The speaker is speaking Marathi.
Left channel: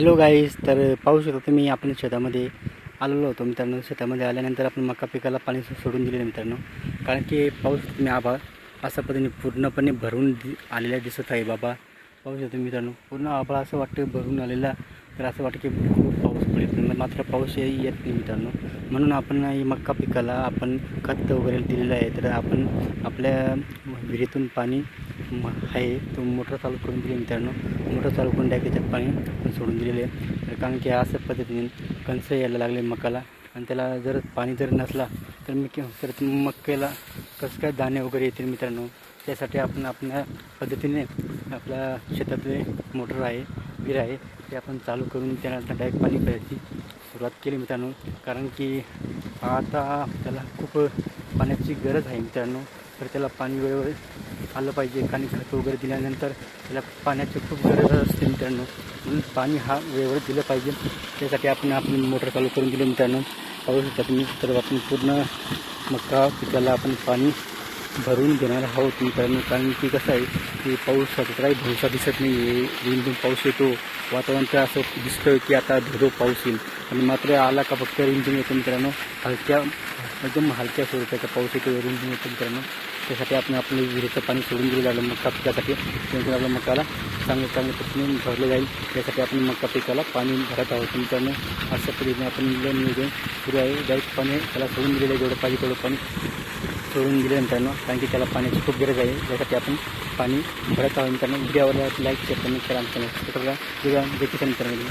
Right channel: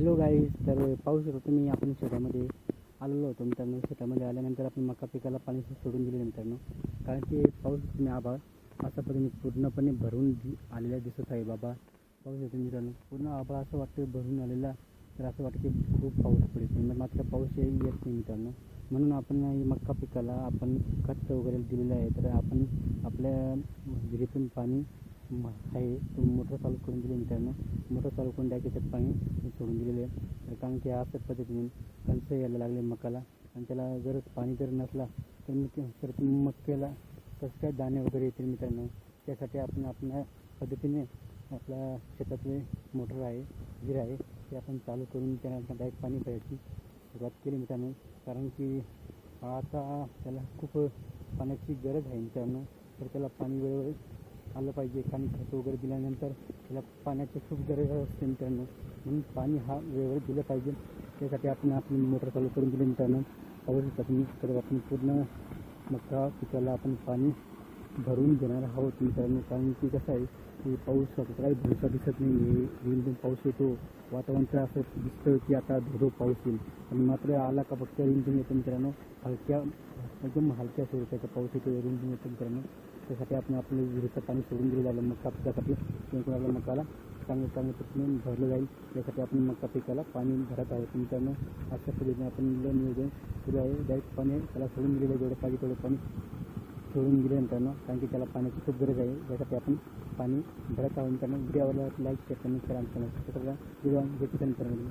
हॅलो गाईज तर पाहू शकता तुम्ही आपण शेतामध्ये आलेलो होतो मित्रांनो. शेतामध्ये आल्यानंतर आपण मका पिकाला पाणी सोडून दिले मित्रांनो. कारण की पाऊस तुम्ही आभाळ अशा पद्धतीने पूर्णपणे भरून दि आलेला दिसत आहे बाबा. पाहू शकता मित्रांनो पूर्ण आभाळ असं वाटतं भरून आलेला. तर असं वाटतं की खूप पाऊस पडेल. मात्र पाऊस येत नाही मित्रांनो. म्हणून आपण ही मका पिकाला आपण खत वगैरे दिलेलं आहे. तर आपण आपल्या विहिरीतून पाणी आहे तो मोटर चालू करून दिली मित्रांनो. मोटर चालू करून डायरेक्ट त्याच्यात पाणी सोडून दिलेले आहे. तर कारण की अशा पद्धतीने कंस यायला लागले मकाला. आणि त्याला जर पाणी जर नसला तर मी तर मक्याला कसं काय दाणे वगैरे येतील मित्रांनो? त्यासाठी आपण आपल्या पद्धतीने आपल्या शेतातले मोटर आहे विहीर आहे ते आपण चालू करून त्याला डायरेक्ट पाणी प्यायची सुरुवात केली मित्रांनो. कारण की आता त्याला खूप पाण्याची गरज आहे मित्रांनो. तर त्याला पाणी वेळेवर आलं पाहिजे. आणि खत वगैरे दिल्यानंतर त्याला पाण्याची खूप गरज असते मित्रांनो. म्हणून पाणी हा वेळेवर दिलं पाहिजे. त्यासाठी आपण आपली मोटर चालू करून दिली मित्रांनो. पाहू शकता तुम्ही तर आपण पूर्ण मका पिकाला आपण पाणी भरून देणार आहोत मित्रांनो. कारण की कसं आहे की पाऊस काही भरोसा दिसत नाही आहे रिमझिम पाऊस येतो. वातावरण तर असं दिसतं की आता धोधो पाऊस येईल. आणि मात्र आला का फक्त रिमझिम येतो मित्रांनो. हलक्या एकदम हलक्या स्वरूपाचा पाऊस येतो. रिमझिम येतो मित्रांनो. त्यासाठी आपण आपलं विहिरीचं पाणी सोडून दिलं जाईल मका पिकासाठी जेणेकरून आपल्या मकाला चांगल्या चांगल्या पद्धतीने भरलं जाईल. त्यासाठी आपण मका पिकाला पाणी भरत आहोत. मित्रांनो अशा पद्धतीने आपण नियोजन सुरू आहे डायरेक्ट पाणी त्याला सोडून दिलेलं आहे जेवढं पाहिजे तेवढं पाणी सोडून दिलं मित्रांनो. कारण की त्याला पाण्याची खूप गरज आहे. त्यासाठी आपण पाणी भरत आहोत मित्रांनो. व्हिडिओवर लाईक शेअर कमेंट करा आमच्या करा व्हिडिओ जे मित्रांनो